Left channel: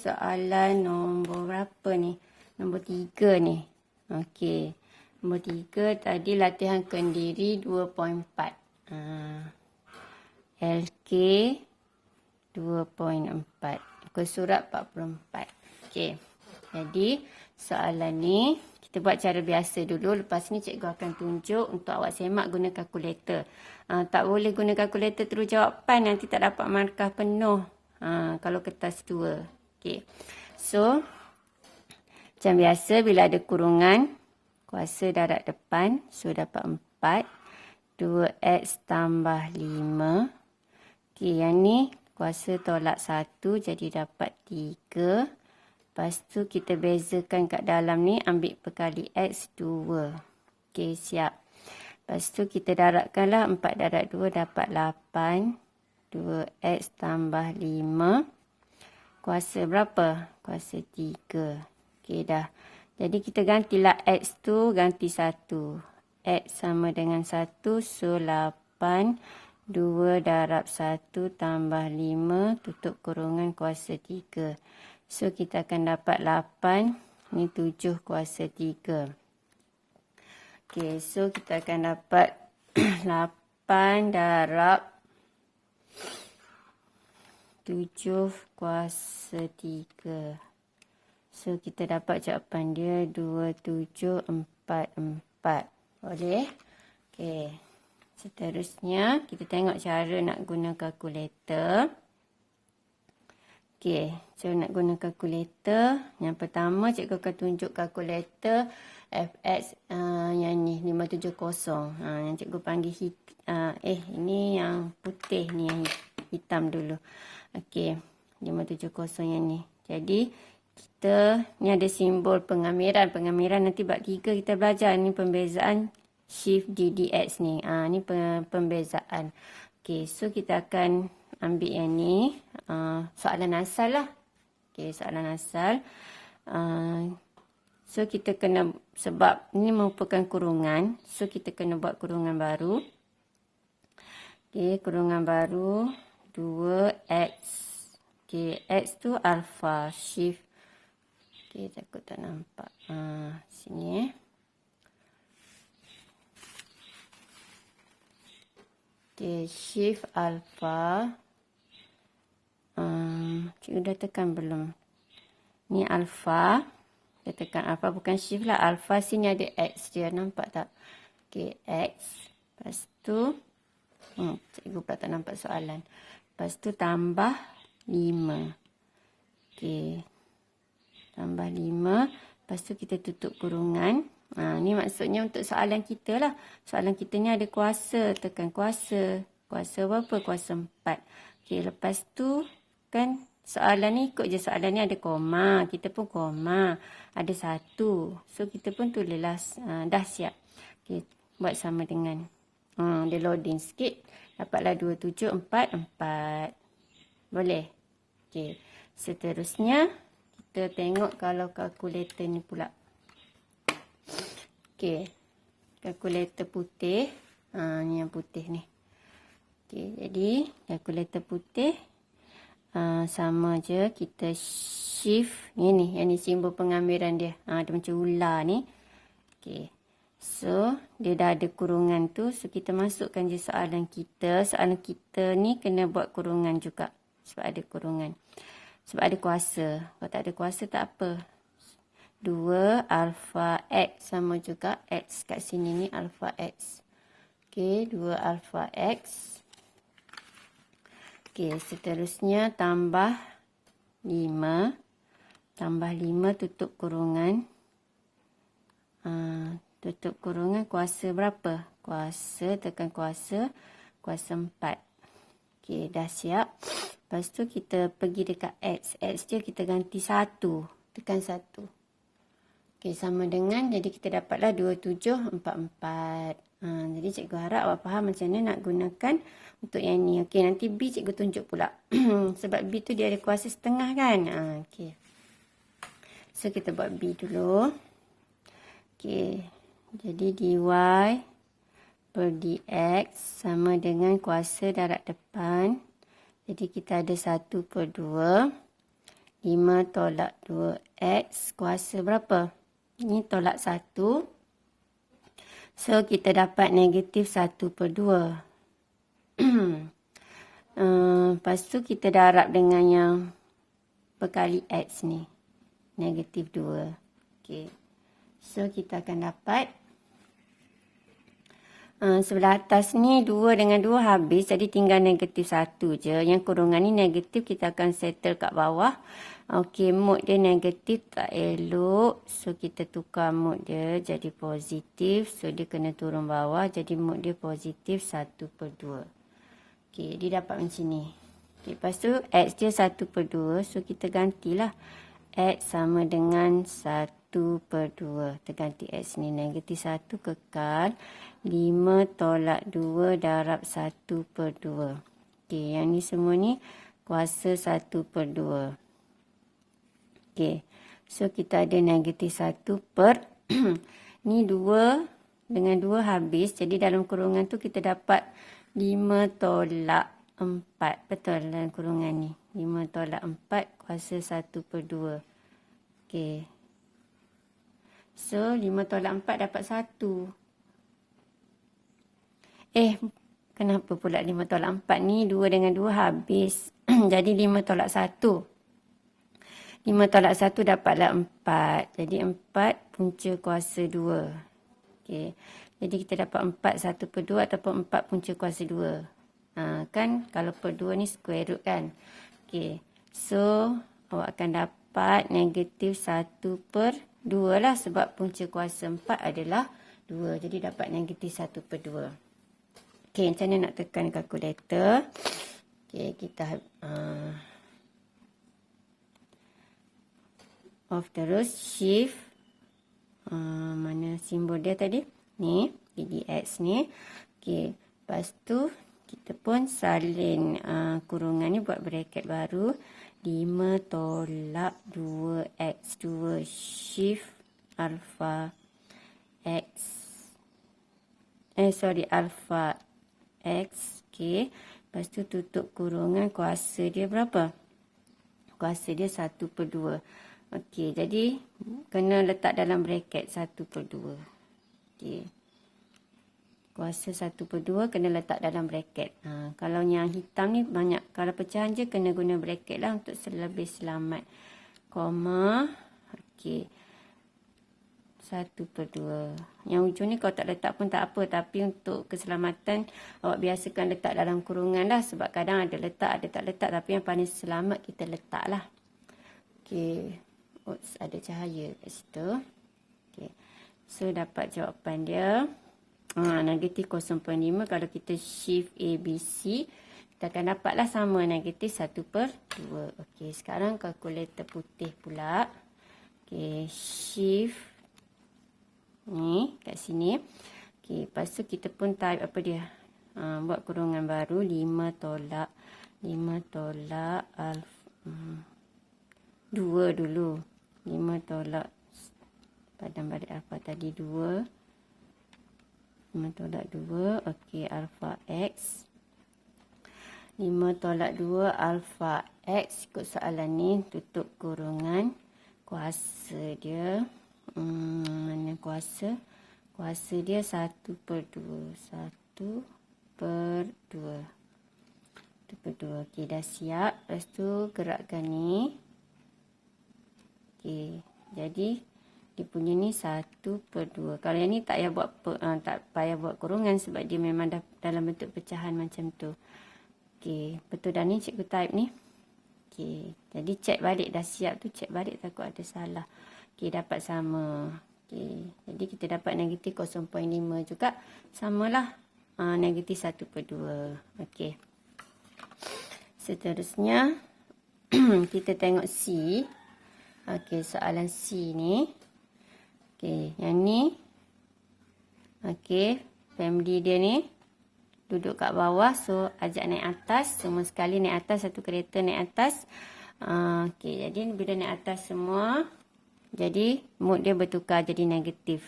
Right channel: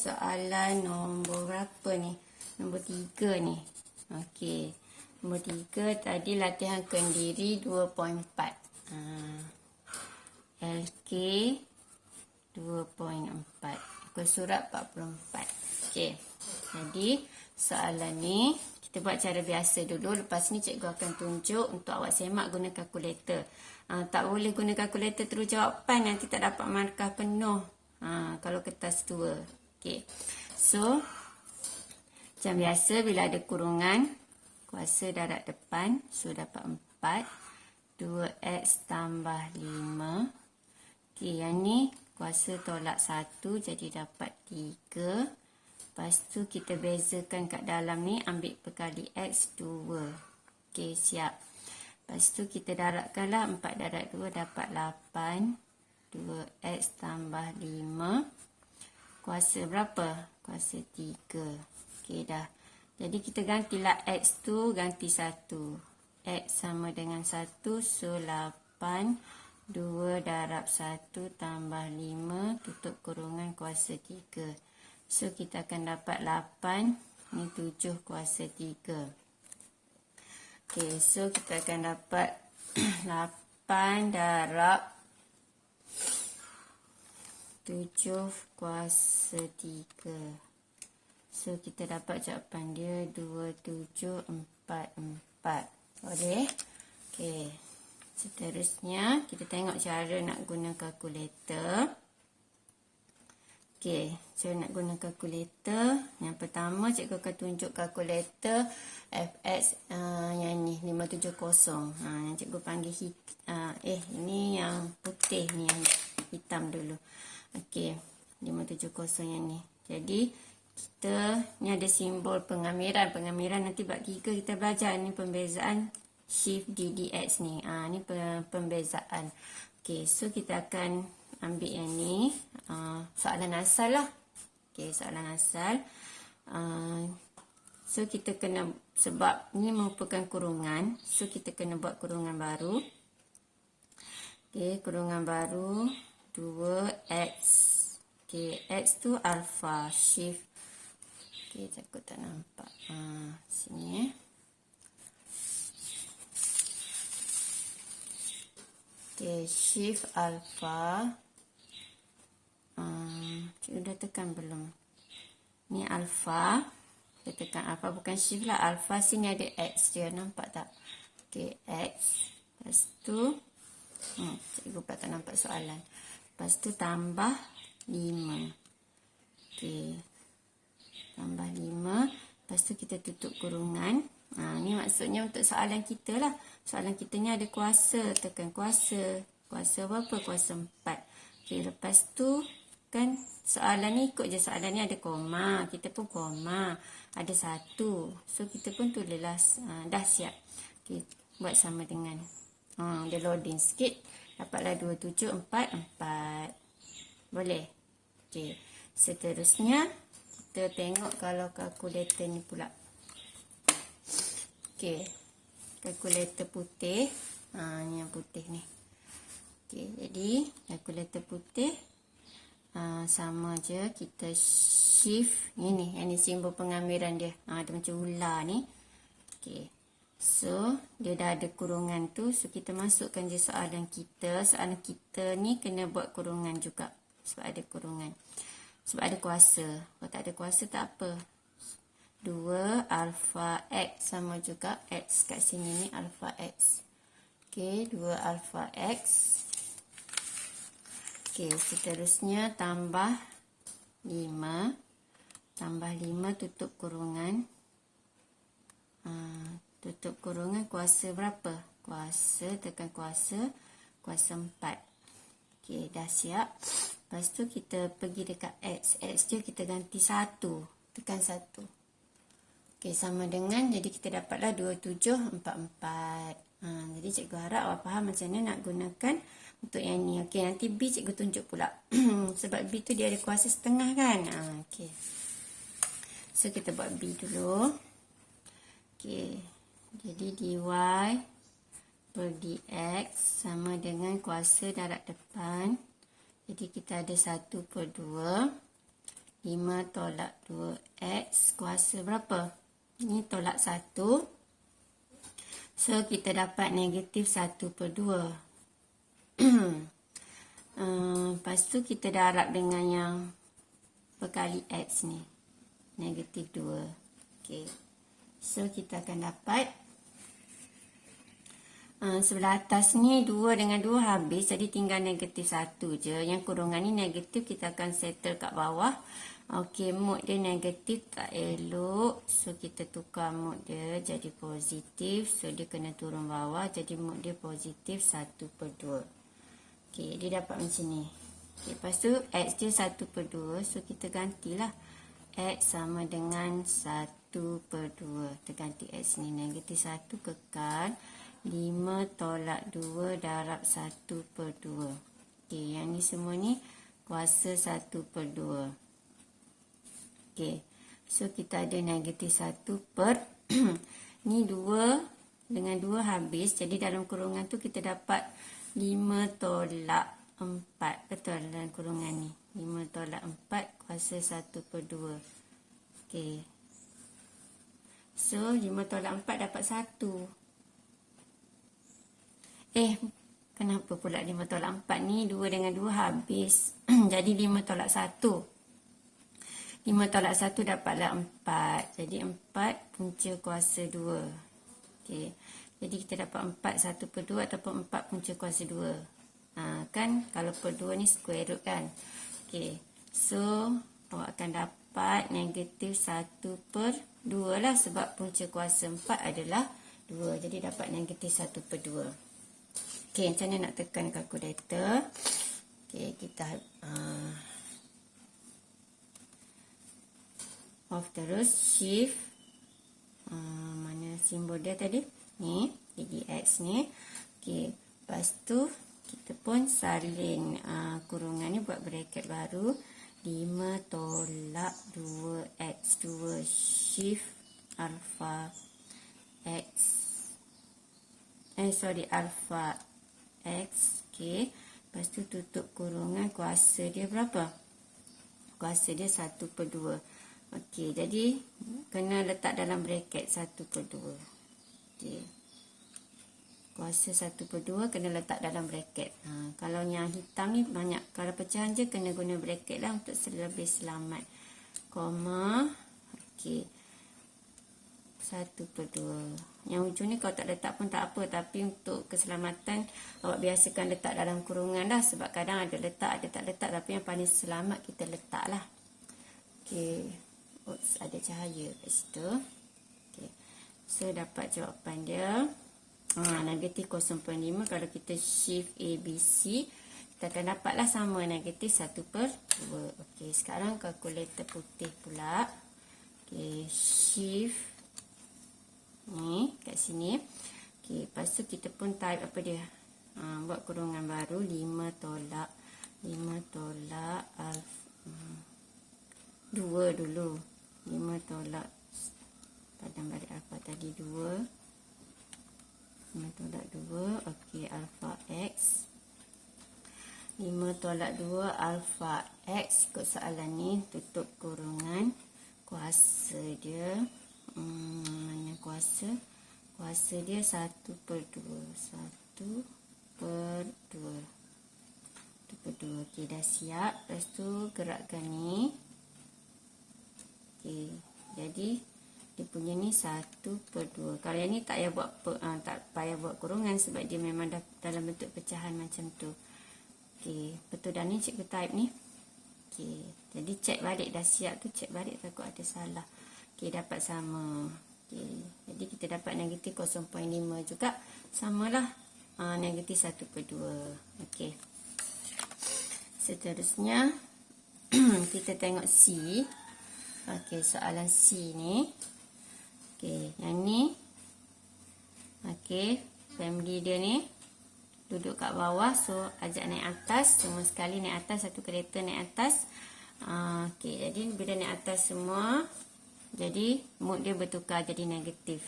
soalan nombor berapa ni? Nombor 3 ni. Okey. Nombor 3 tadi latihan kendiri 2.4. LK 2.4. Muka surat 44. Okey. Jadi soalan ni kita buat cara biasa dulu. Lepas ni cikgu akan tunjuk untuk awak semak guna kalkulator. Tak boleh guna kalkulator terus jawapan, nanti tak dapat markah penuh. Kalau kertas 2. Okey. So, macam biasa bila ada kurungan, kuasa darab depan. So, dapat 4. 2x tambah 5. Okey, yang ni kuasa tolak 1. Jadi, dapat 3. Lepas tu, kita bezakan kat dalam ni. Ambil perkali x 2. Okey, siap. Lepas tu, kita darabkanlah. 4 darab 2 dapat 8. 2x tambah 5. Kuasa berapa? Kuasa 3. Okey dah. Jadi kita gantilah x tu ganti 1. X sama dengan 1. So 8. 2 darab 1 tambah 5. Tutup kurungan kuasa 3. So kita akan dapat 8. Ni 7 kuasa 3. Okey. So kita akan dapat 8 darab 7 kuasa 3. So, kita dapat jawapan dia 2744. Boleh? Okey. Seterusnya, kita tengok cara nak guna kalkulator. Okey. Cara nak guna kalkulator. Yang pertama, cikgu akan tunjuk kalkulator FX yang ni, 570. Yang cikgu panggil ini yang putih ni, yang hitam dulu. Okey, 570 yang ni. Jadi, kita ni ada simbol pengamiran. Pengamiran nanti bab 3 kita belajar. Ni pembezaan shift DDX ni. Ni pembezaan. Okey, so kita akan ambil yang ni. Soalan asal lah. Okey, soalan asal. So, kita kena, sebab ni merupakan kurungan. So, kita kena buat kurungan baru. Okey, kurungan baru. 2x. Okey, x tu alpha, shift. Okey, takut tak nampak. Sini Okey, shift alpha. Cikgu dah tekan belum? Ni alpha. Kita tekan alpha, bukan shift lah. Alpha sini ada x dia, nampak tak? Okey, x. Lepas tu, cikgu pula tak nampak soalan. Lepas tu tambah 5. Okey. Tambah 5. Lepas tu kita tutup kurungan. Ni maksudnya untuk soalan kita lah. Soalan kita ni ada kuasa. Tekan kuasa. Kuasa berapa? Kuasa 4. Okey. Lepas tu kan soalan ni ikut je. Soalan ni ada koma. Kita pun koma. Ada 1. So kita pun tulislah. Dah siap. Okey. Buat sama dengan. Dia loading sikit. Dapatlah 2744. Boleh? Okey. Seterusnya, kita tengok kalau kalkulator ni pula. Okey. Kalkulator putih. Ni yang putih ni. Okey. Jadi, kalkulator putih. Sama je. Kita shift. Yang ni simbol pengamiran dia. Dia macam ular ni. Okey. So, dia dah ada kurungan tu. So, kita masukkan je soalan kita. Soalan kita ni kena buat kurungan juga. Sebab ada kurungan. Sebab ada kuasa. Kalau tak ada kuasa, tak apa. 2 alpha x sama juga. X kat sini ni alpha x. Okey, 2 alpha x. Okey, seterusnya tambah 5. Tambah 5 tutup kurungan. Tutup kurungan kuasa berapa? Kuasa, tekan kuasa. Kuasa 4. Okey, dah siap. Lepas tu kita pergi dekat x. X dia kita ganti 1. Tekan 1. Okey, sama dengan. Jadi kita dapatlah 2744. Jadi cikgu harap awak faham macam mana nak gunakan untuk yang ni. Okey, nanti B cikgu tunjuk pula. Sebab B tu dia ada kuasa setengah kan. Okey. So, kita buat B dulu. Okey. Jadi dy per dx sama dengan kuasa darab depan. Jadi kita ada 1/2. 5 tolak 2x kuasa berapa? Ni tolak 1. So, kita dapat negatif 1/2. Lepas tu kita darab dengan yang perkali x ni. Negatif 2. Okay. So, kita akan dapat sebelah atas ni 2 dengan 2 habis. Jadi tinggal negatif 1 je. Yang kurungan ni negatif, kita akan settle kat bawah. Okey, mod dia negatif tak elok. So, kita tukar mod dia jadi positif. So, dia kena turun bawah. Jadi mod dia positif 1/2. Okey, dia dapat macam ni. Okay, lepas tu x dia 1/2. So, kita gantilah. X sama dengan 1/2. Kita ganti x ni. Negatif 1 kekal. 5 tolak 2 darab 1/2. Okey, yang ni semua ni kuasa 1/2. Okey, so kita ada negatif 1 per ni 2 dengan 2 habis. Jadi dalam kurungan tu kita dapat 5 tolak 4. Betul dalam kurungan ni. 5 tolak 4 kuasa 1/2. Okey. So 5 tolak 4 dapat 1. Kenapa pula 5 tolak 4 ni 2 dengan 2 habis. Jadi 5 tolak 1. 5 tolak 1 dapatlah 4. Jadi 4 punca kuasa 2. Okey. Jadi kita dapat 4 1/2 ataupun 4 punca kuasa 2. Kan kalau per 2 ni square root kan. Okey. So awak akan dapat negatif 1/2 lah. Sebab punca kuasa 4 adalah 2. Jadi dapat negatif 1/2. Okey, macam mana nak tekan kalkulator? Okey, kita off terus, shift. Mana simbol dia tadi? Ni, dx ni. Okey, lepas tu kita pun salin kurungan ni, buat bracket baru. 5 tolak 2x2 shift alpha x. Alpha x. Okey. Lepas tu tutup kurungan, kuasa dia berapa? Kuasa dia 1/2. Okey, jadi kena letak dalam bracket 1/2. Okey. Kuasa 1/2 kena letak dalam bracket. Kalau yang hitam ni banyak, kalau pecahan je kena guna bracket lah untuk lebih selamat. Koma. Okey. 1/2. Yang ujung ni kalau tak letak pun tak apa. Tapi untuk keselamatan, awak biasakan letak dalam kurungan lah. Sebab kadang ada letak, ada tak letak. Tapi yang paling selamat kita letak lah. Okey. Oops, ada cahaya kat situ. Okey. So, dapat jawapan dia. Negatif 0.5. Kalau kita shift A, B, C, kita akan dapatlah sama negatif 1/2. Okey. Sekarang kalkulator putih pula. Okey. Shift ni kat sini. Okey, lepas tu kita pun type apa dia? Buat kurungan baru 5 tolak alfa 2 dulu. 5 tolak padam balik alfa tadi 2. 5 tolak 2. Okey, alfa x. 5 tolak 2 alfa x. Ikut soalan ni, tutup kurungan. Kuasa dia mana kuasa? Kuasa dia 1/2. 1/2. Okey, dah siap. Lepas tu gerakkan ni. Okey, jadi dia punya ni 1/2. Kalau yang ni tak payah buat kurungan sebab dia memang dah dalam bentuk pecahan macam tu. Okey, betul dah ni cikgu type ni. Okey, jadi check balik dah siap tu, check balik takut ada salah. Okey, dapat sama. Okey, jadi kita dapat negatif 0.5 juga. Samalah negatif 1/2. Okey. Seterusnya kita tengok C. Okey, soalan C ni. Okey, yang ni. Okey, family dia ni duduk kat bawah. So, ajak naik atas. Semua sekali naik atas. Satu kereta naik atas. Okey, jadi bila naik atas semua, jadi mod dia bertukar jadi negatif.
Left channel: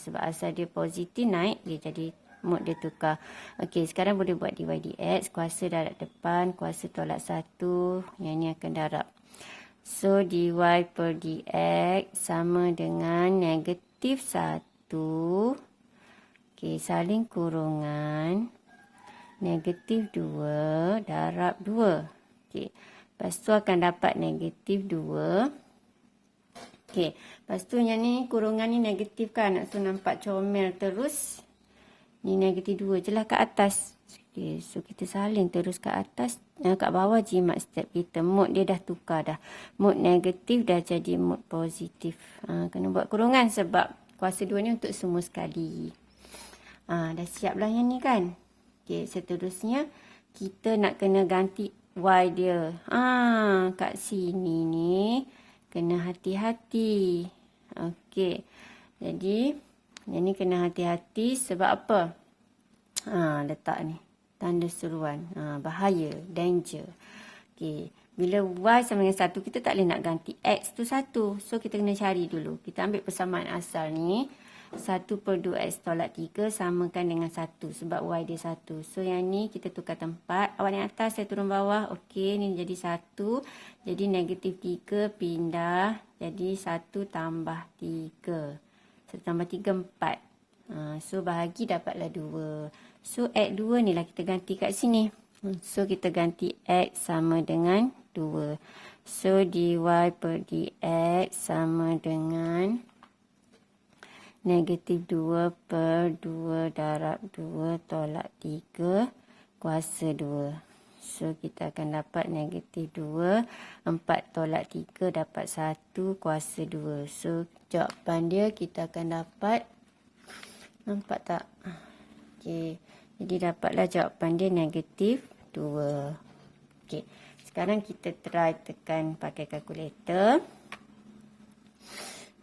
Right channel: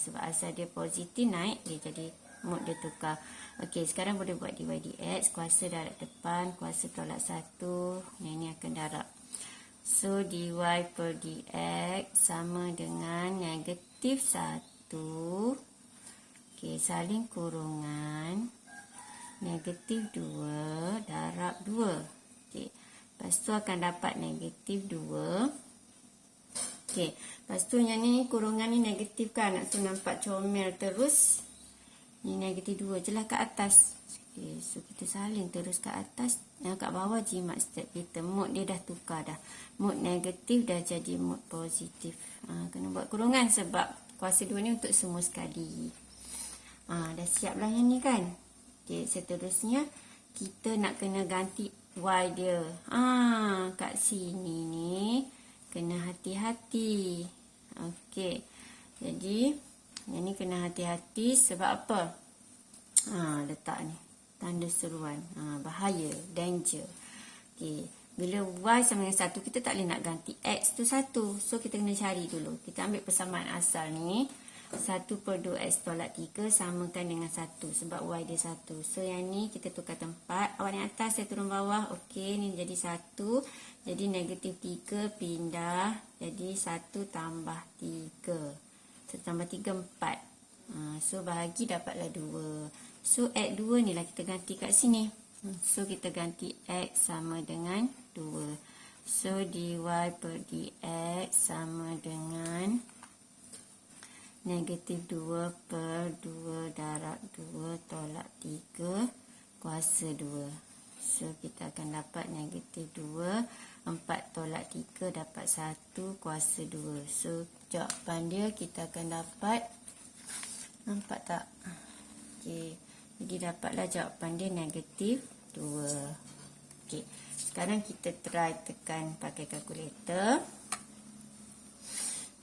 Sebab asal dia positif naik, dia jadi mod dia tukar. Okey, sekarang boleh buat dy dx. Kuasa darab depan, kuasa tolak 1. Yang ni akan darab So, dy per dx sama dengan negatif 1. Okey, saling kurungan. Negatif 2 darab 2. Okey, lepas tu akan dapat negatif 2. Okey, lepas tu yang ni kurungan ni negatif kan. So, nampak comel terus. Ni negatif 2 je lah kat atas. Okay, so kita salin terus kat atas. Kat bawah jimat step kita. Mod dia dah tukar dah. Mod negatif dah jadi mod positif. Kena buat kurungan sebab kuasa 2 ni untuk semua sekali. Dah siap lah yang ni kan. Okay, seterusnya kita nak kena ganti y dia. Kat sini ni kena hati-hati. Okay, jadi yang ni kena hati-hati sebab apa? Letak ni tanda seruan. Bahaya, danger. Okay. Bila y sama dengan 1, kita tak boleh nak ganti x tu 1. So, kita kena cari dulu. Kita ambil persamaan asal ni. 1 per 2x tolak 3 samakan dengan 1. Sebab y dia 1. So, yang ni kita tukar tempat. Awak naik atas, saya turun bawah. Okey, ni jadi 1. Jadi, negatif 3 pindah. Jadi, 1 tambah 3. 1 tambah 3, 4. So, bahagi dapatlah 2. So, X 2 ni lah kita ganti kat sini. So, kita ganti X sama dengan 2. So, dy per dx sama dengan negatif 2 per 2 darab 2 tolak 3 kuasa 2. So, kita akan dapat negatif 2. 4 tolak 3 dapat 1 kuasa 2. So, jawapan dia kita akan dapat. Nampak tak? Okey. Jadi, dapatlah jawapan dia negatif 2. Okey. Sekarang kita try tekan pakai kalkulator.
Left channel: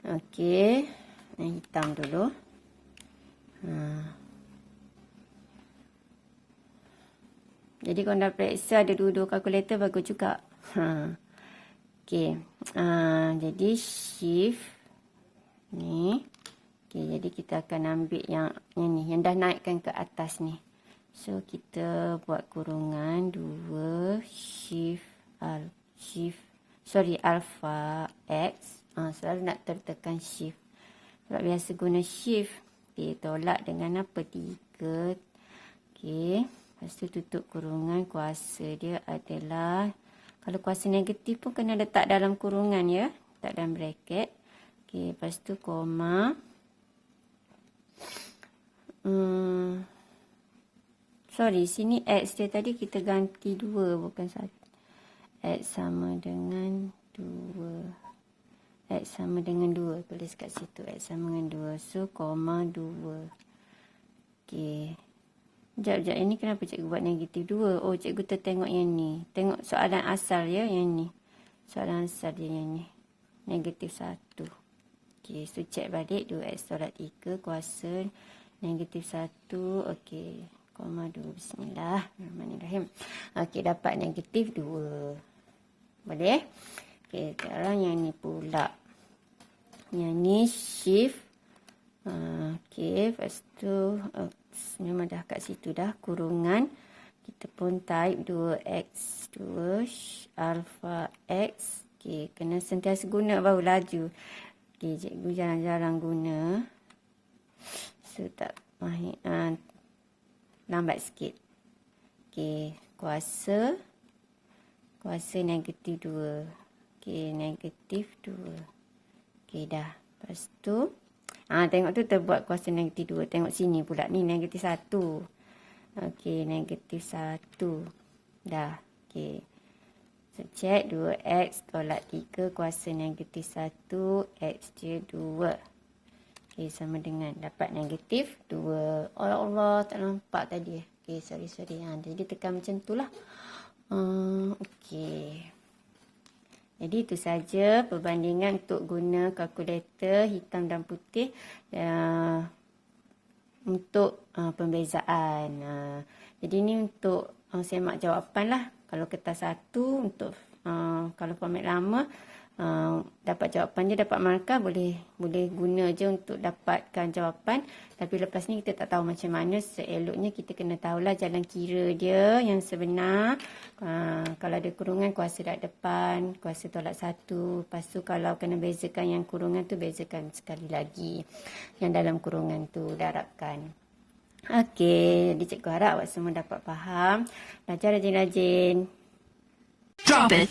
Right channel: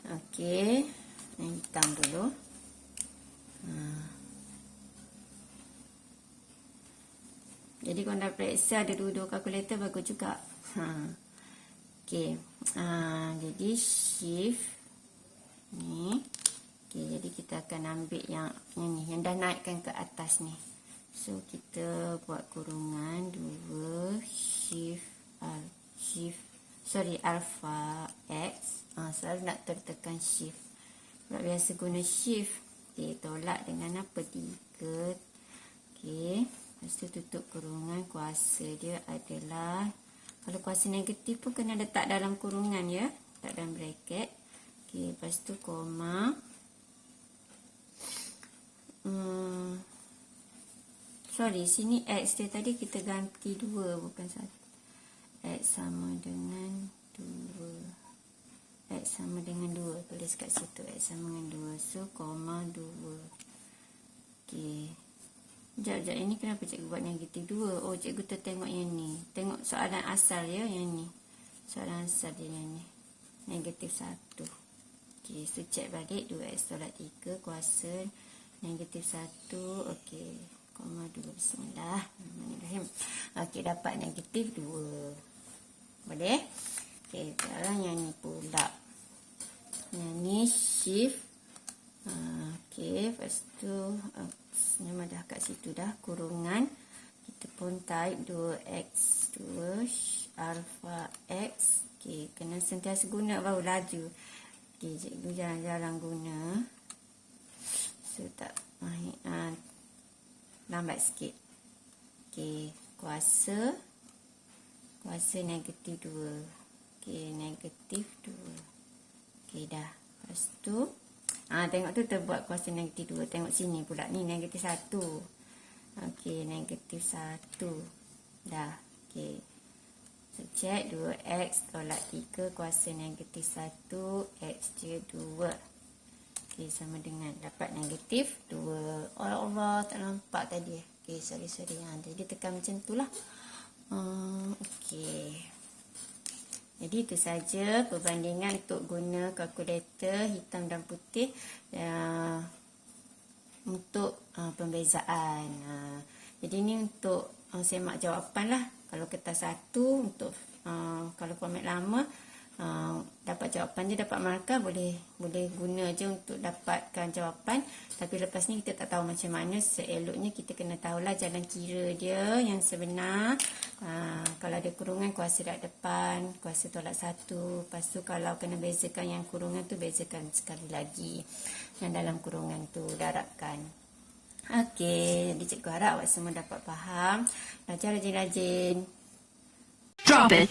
Okey. Hitam dulu. Jadi, kalau dah periksa ada dua-dua kalkulator, bagus juga. Okey. Jadi, shift ni. Okay, jadi kita akan ambil yang ni, yang dah naikkan ke atas ni. So, kita buat kurungan 2 alpha x. Selalu nak tertekan shift. Sebab biasa guna shift. Okay, tolak dengan apa? 3. Okay, lepas tu tutup kurungan. Kuasa dia adalah, kalau kuasa negatif pun kena letak dalam kurungan ya. Letak dalam bracket. Okay, lepas tu koma. Sorry, sini x dia tadi kita ganti 2 bukan 1. X sama dengan 2. X sama dengan 2. Tulis kat situ x sama dengan 2. So, koma 2. Okey. Sekejap. Ini kenapa cikgu buat negatif 2? Oh, cikgu tertengok yang ni. Tengok soalan asal ya yang ni. Soalan asal dia yang ni. Negatif 1. Okey, so cek balik 2x tolak 3 kuasa negatif 1. Okey. Koma 2. Bismillahirrahmanirrahim. Okey, dapat negatif 2. Boleh? Okey, sekarang yang ni pula. Yang ni shift. Okey, lepas tu memang dah kat situ dah. Kurungan. Kita pun type 2x 2 alpha x. Okey, kena sentiasa guna baru laju. Okey, cikgu jarang-jarang guna. So, tak mahir. Lambat sikit. Okey, kuasa negatif 2. Okey, negatif 2. Okey, dah. Lepas tu, tengok tu terbuat kuasa negatif 2. Tengok sini pula. Ni negatif 1. Okey, negatif 1. Dah. Okey. So, cek 2x tolak 3 kuasa negatif 1. X je 2. Okey, sama dengan dapat negatif 2. Allah, tak nampak tadi. Okey, sorry. Jadi, tekan macam tu lah. Okey. Jadi, itu saja perbandingan untuk guna kalkulator hitam dan putih untuk pembezaan. Jadi, ini untuk semak jawapan lah. Kalau kertas 1, untuk kalau format lama, dapat jawapan je, dapat markah, boleh guna je untuk dapatkan jawapan. Tapi lepas ni kita tak tahu macam mana. Seeloknya kita kena tahulah jalan kira dia yang sebenar. Kalau ada kurungan, kuasa darab depan, kuasa tolak 1. Lepas tu kalau kena bezakan yang kurungan tu, bezakan sekali lagi yang dalam kurungan tu, darabkan. Okey, jadi cikgu harap awak semua dapat faham. Belajar rajin-rajin. Drop it.